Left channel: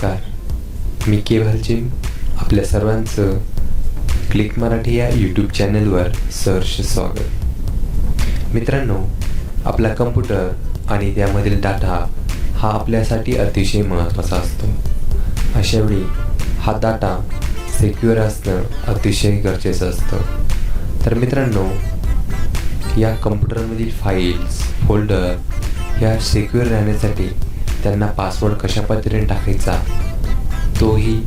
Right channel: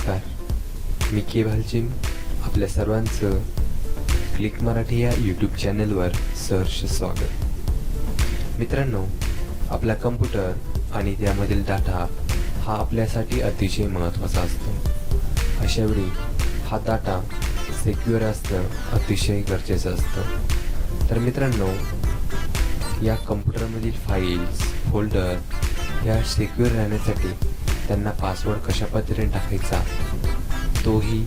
नमस्कार, मी केवल जिम आपल्या सर्वांचं क्लिक मराठी या यूट्यूब चॅनलवर सहर्ष स्वागत. मित्रांनो, आपला कम्प्युटर आणि त्यामधील डाटा हा आपल्यासाठी अतिशय महत्त्वाचा असतो. अशावेळी हा डाटा सिक्युअर असणं अतिशय गरजेचं असतं. तर मित्रांनो, या कम्प्युटरमधील फाईल्स, फोल्डर ह्या सिक्युअर राहण्यासाठी त्यांना पासवर्ड कशा पद्धतीने टाकायचा, तोही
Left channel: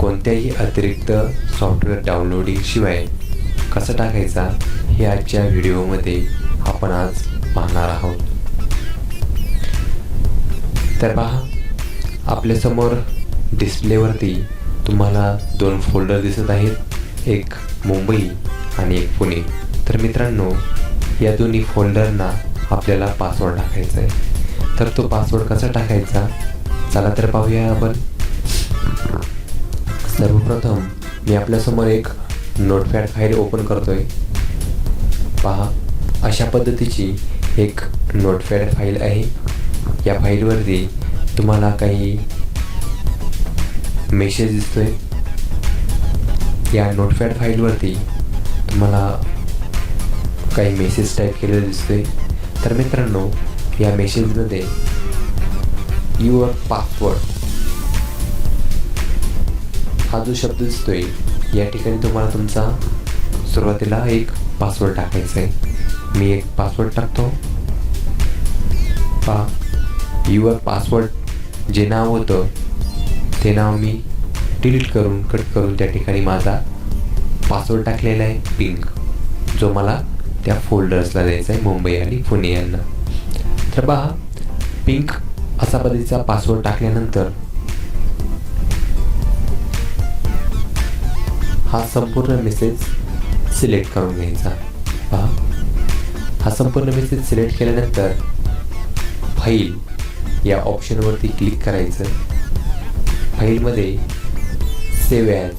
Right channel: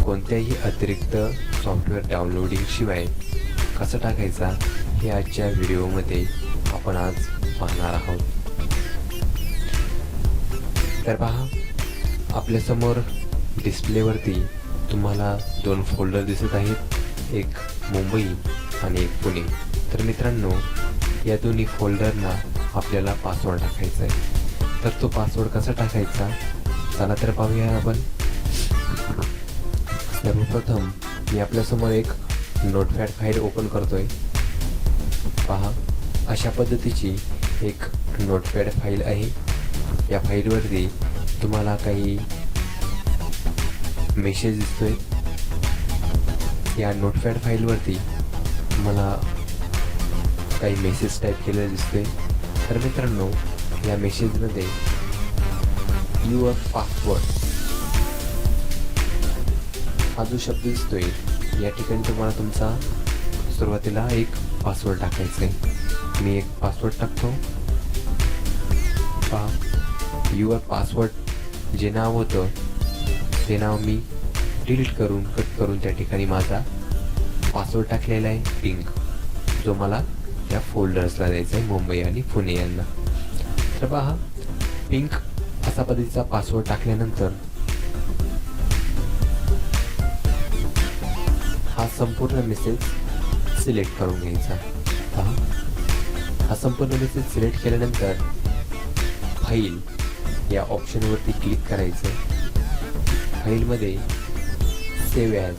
कोणत्याही अतिरिक्त सॉफ्टवेअर डाउनलोडिंगशिवाय कसा टाकायचा हे आजच्या व्हिडिओमध्ये आपण आज पाहणार आहोत. तर पहा, आपल्यासमोर डिस्प्लेवरती तुम्हाला दोन फोल्डर दिसत आहेत, एक मुंबई आणि एक पुणे. तर मित्रांनो, या दोन्ही फोल्डरना आपल्याला पासवर्ड टाकायचा आहे. तर तो पासवर्ड कसा टाकायचा, चला तर पाहूया आपण. सर्वप्रथम मी आपल्यासमोर एक नोटपॅड फाईल ओपन करतोय. पहा, अशा पद्धतीची एक नोटपॅड फाईल आहे. या फाईलवरती तुम्हाला काही मेसेज दिसतोय. या नोटपॅड फाईलवरती तुम्हाला काही मेसेज टाईप केलेले दिसतोय. तर मित्रांनो, या मेसेजमध्ये युअर पासवर्ड हा जो शब्द दिसतोय, या ठिकाणी तुम्हाला तुमचा सुरुवातीला एक पासवर्ड टाकायचा आहे. मी एक पासवर्ड टाकतो. पहा, युअर पासवर्ड जे नाव होतं ते नाव मी डिलीट करून कट करून त्या ठिकाणी माझा पासवर्ड टाकलेला आहे पिंक, जो मला त्या फोल्डर्सला द्यायचा आहे, मुंबई आणि पुणे यांना. तर पहा, पिंक असा पद्धतीचा पासवर्ड टाकल्यानंतर हा संपूर्ण मेसेज सिलेक्ट करून घ्यायचा. पहा, हा संपूर्ण मेसेज सिलेक्ट केल्यानंतर फाईल या ऑप्शनवरती क्लिक करायचं. फाईलमध्ये सेव्ह ॲज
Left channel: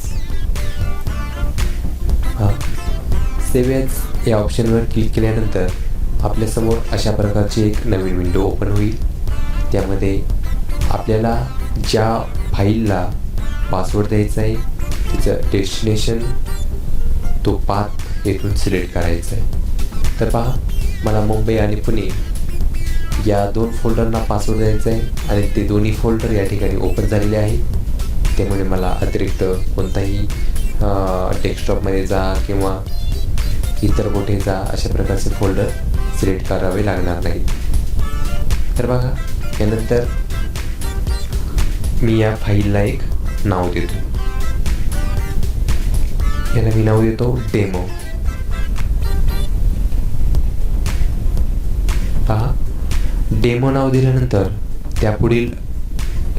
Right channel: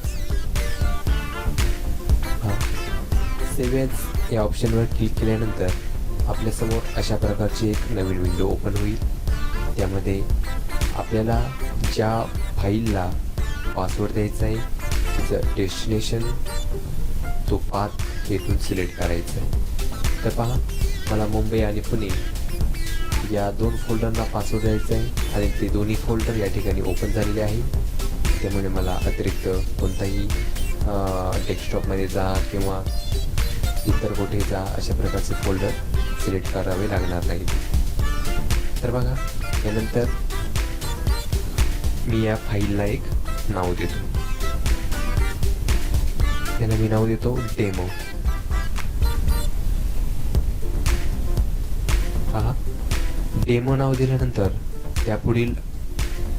या ऑप्शनवर क्लिक केल्यानंतर आपल्यासमोर अशा प्रकारची एक नवीन विंडो ओपन होईल. त्यामध्ये आपल्याला ज्या फाईलला पासवर्ड द्यायचा आहे तिचं डेस्टिनेशन, तो पाथ येथून सिलेक्ट करायचा आहे. तर पहा, मला मुंबई आणि पुणे या दोन फोल्डरना पासवर्ड द्यायचा आहे आणि ते दोन्ही फोल्डर या ठिकाणी ओपन झालेले आहे. त्यामुळे मला अतिरिक्त कोणताही डेस्कटॉपमध्ये जा किंवा इतर मोठे जा अशा प्रकारचे फोल्डर सिलेक्ट करावे लागणार नाही. तर बघा, त्यानंतर मी या फाईलला एक नाव देतो. त्याला मी नाव देतो डेमो. पहा, डेमो नाव दिल्यानंतर त्यापुढील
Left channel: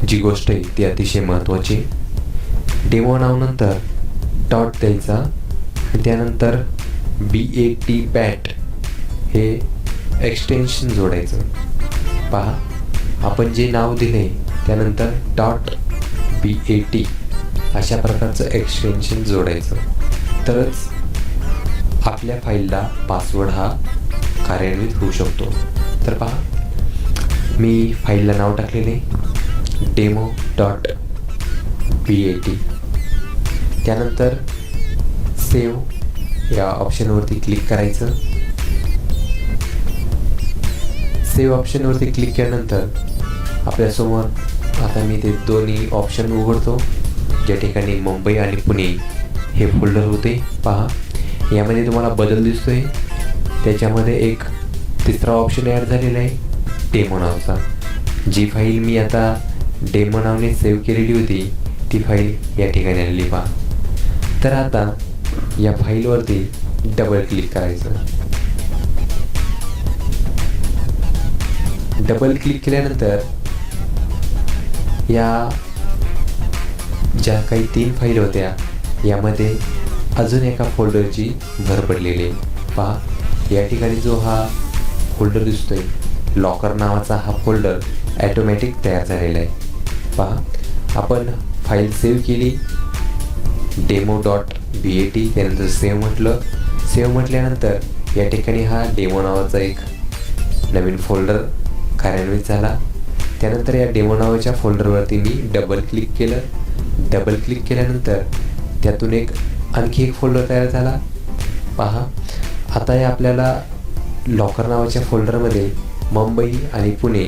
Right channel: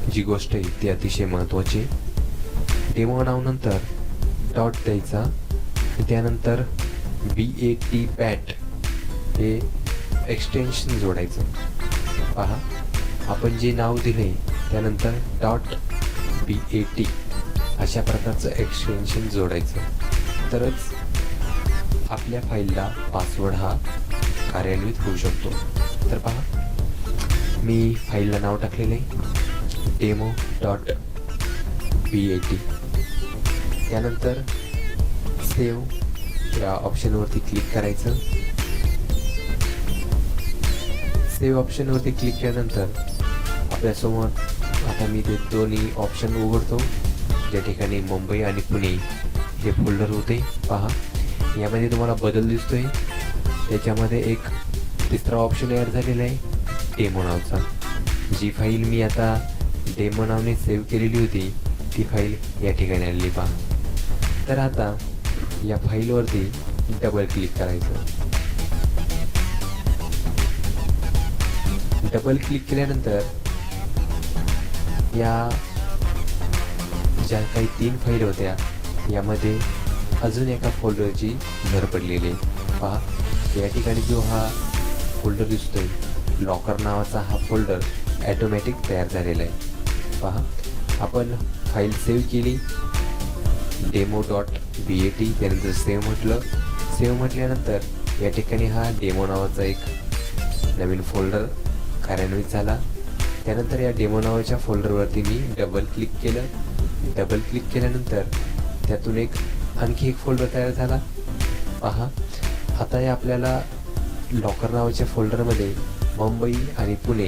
जी गोष्ट आहे ती अतिशय महत्त्वाची. डेमो नावानंतर डॉट द्यायचा आणि त्यानंतर BAT हे एक्सटेन्शन जोडायचं. पहा, आपण जे नाव दिले त्यानंतर .BAT अशा प्रकारचं एक्सटेन्शन जोडायचं, तरच आपल्या फाईलला पासवर्ड हा कार्यान्वित होऊ शकतो. तर पहा, मी फाईलला नाव टाकलेले demo.bat. त्यानंतर सेव्ह या ऑप्शनवरती क्लिक करायचं. सेव्ह ऑप्शनवरती क्लिक केल्यानंतर आपल्यासमोर आता मी ते दोन्ही ऑप्शन उघडतो, ज्या ठिकाणी मुंबई आणि पुणे हे फोल्डर होते. पहा, यामध्ये तुम्हाला बदल दिसतोय. त्याच्यामध्ये एक तिसरा ऑप्शन ॲड झालेला आहे, डेमो नावचा. जी फाईल मी आता डेमो नावाने सेव्ह केलेली होती ती फाईल या ठिकाणी आली. पहा, तर आता या फाईलवरती डबल क्लिक करायचं. डबल क्लिक केल्यानंतर या ज्या काही 3 फाईल होत्या यामध्ये अजून एका फोल्डरची भर पडलेली आहे. पहा, या ठिकाणी जो हा फोल्डर दिसतोय, लॉकर नावाचा हा फोल्डर ॲटोमॅटिक तयार झालेला आहे. पहा, आपण फाईल सेव्ह केली demo.bat, त्यानंतर सेव्ह म्हटलं. सेव्ह म्हटल्यानंतर या ठिकाणी हा डेमो नावाचा एक नवीन फोल्डर कार्यान्वित झाला. त्यानंतर या डेमो नावाच्या फोल्डरवरती मी डबल क्लिक केलं. डबल क्लिक केल्यानंतर त्यातून एक आणखी एक फोल्डर तयार झाला. पहा, आता हे आपल्याला लॉकर नावाच्या फोल्डरमध्ये मुंबई आणि पुणे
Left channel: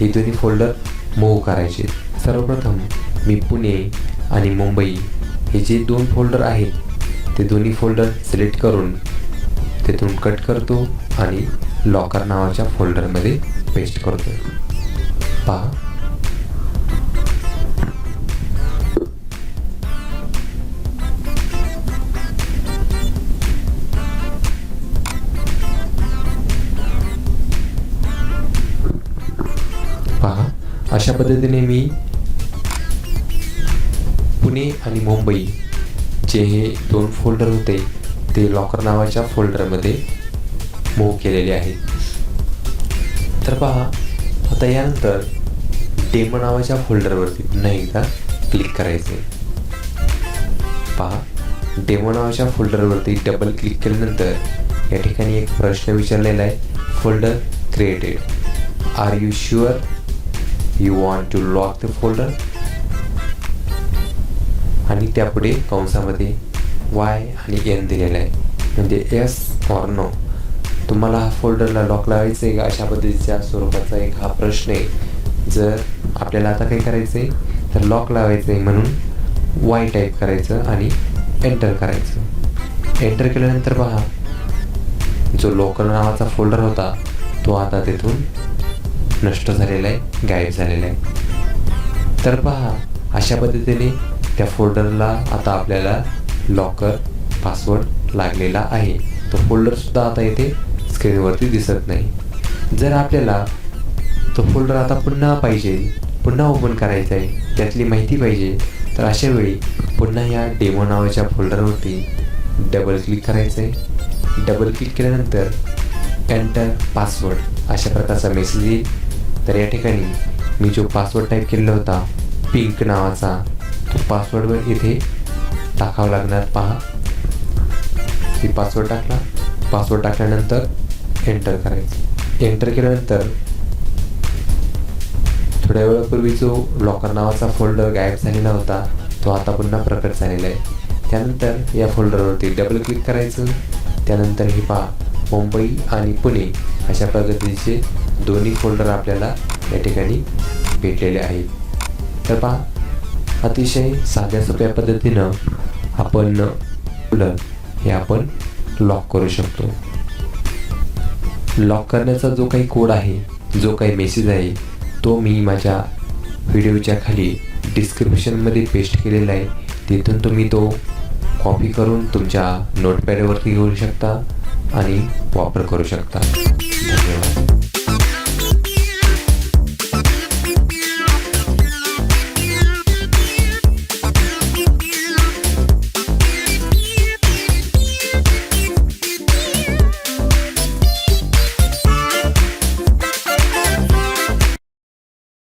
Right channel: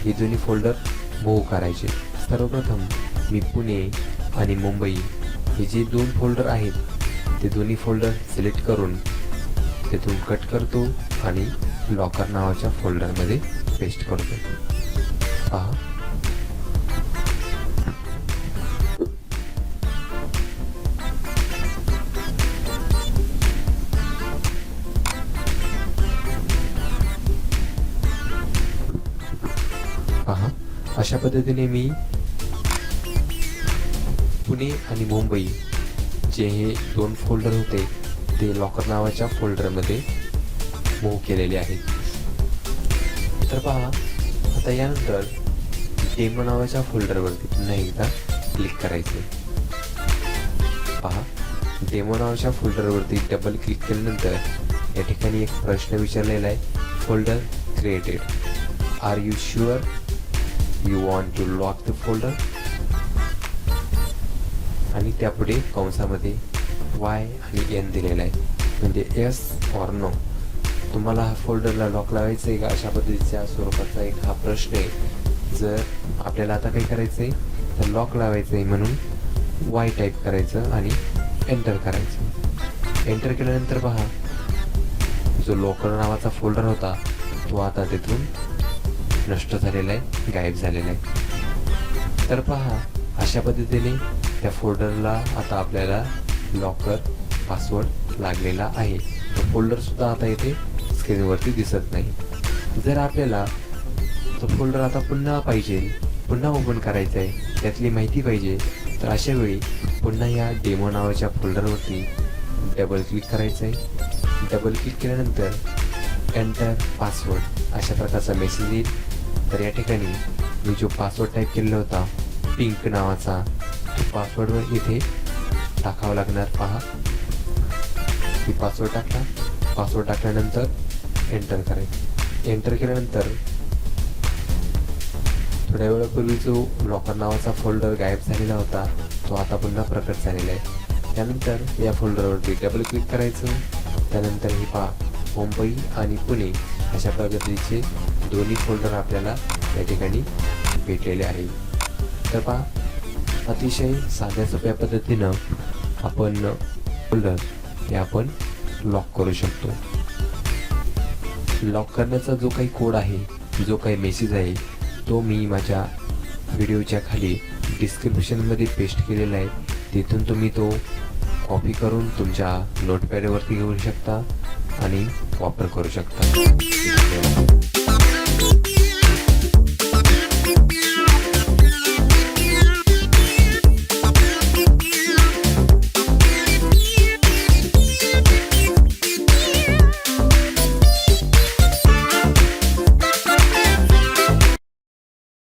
हे दोन्ही फोल्डर मूव्ह करायचे. सर्वप्रथम मी पुणे आणि मुंबई हे जे दोन फोल्डर आहेत ते दोन्ही फोल्डर सिलेक्ट करून तिथून कट करतो आणि लॉकर नावाच्या फोल्डरमध्ये पेस्ट करतो. पहा, अशा पद्धतीने मी पुणे आणि मुंबई जे हे दोन फोल्डर होते ते लॉकर नावाच्या फोल्डरमध्ये मूव्ह केलेले आहेत. तर पहा, आता यानंतर डेमो नावाच्या फोल्डरवरती पुन्हा एकदा क्लिक करायचे. पहा, डेमो नावाच्या फोल्डरवरती डबल क्लिक केल्यानंतर या ठिकाणी एक प्रश्न विचारलेला आहे, folder created, are you sure you want to lock the folder. आणि त्यापुढे कंसामध्ये वाय आणि एन दिलेला आहे, म्हणजे येस ऑर नो. तुम्हाला हा फोल्डरला लॉक लावायचं आहे का, अशा पद्धतीच्या स्वरूपाचा एक हा प्रश्न आहे. जर आपल्याला आता काय करायचं आहे तर लॉक लावायचं आहे म्हणून वाय टाईप करायचं आणि एंटर करायचं. एंटर केल्यानंतर पहा, जो लॉकर नावाचा फोल्डर होता तो आता तिथून नष्ट झालेला आहे, गायब झालेला आहे. तर पहा, अशा पद्धतीने त्या फोल्डरला आता आपल्याला लॉकर पासवर्ड लागलेला आहे. तो फोल्डरसुद्धा आता इथे स्क्रीनवरती दिसत नाही. जर आपल्याला तो फोल्डर आता पुन्हा पाहिजे, पुन्हा ओपन करायचा आहे, त्यातली माहिती पाहिजे, तर अशा वेळी पुन्हा या डेमो नावाच्या फोल्डरवरती डबल क्लिक करायचं आहे. डबल क्लिक केल्यानंतर एंटर पासवर्ड अशा प्रकारचा मेसेज येईल. तर या ठिकाणी मी जो पासवर्ड टाईप केलेला होता पिंक नावाचा, तो पासवर्ड इथे टाकावा लागणार. पहा, ती पासवर्ड टाकला. पासवर्ड टाकल्यानंतर एंटर करायचं. एंटर केल्यानंतर थोड्या वेळापूर्वी जो लॉकर नावाचा फोल्डर गायब झालेला होता तो आता पुन्हा प्रकट झालेला आहे. त्यानंतर या फोल्डरवरती डबल क्लिक करायचं. त्यानंतर हे पहा, मुंबई आणि पुणे अशा पद्धतीचे दोन्ही फोल्डर आपल्याला या ठिकाणी भेटलेले आहेत. तर पहा, अतिशय साध्या सोप्या पद्धतीनं आपण फोल्डर हे आपण लॉक करू शकतो. लॉक करण्याचा जो काही कोड आहे, जो काही मेसेज आहे, तो मी माझ्या व्हिडिओच्या खाली डिस्क्रिप्शनमध्ये पेस्ट केलेला आहे. तिथून तुम्ही तो कॉपी करून तुमच्या नोटपॅडवरती घेऊ शकता आणि वापर करू शकता. धन्यवाद.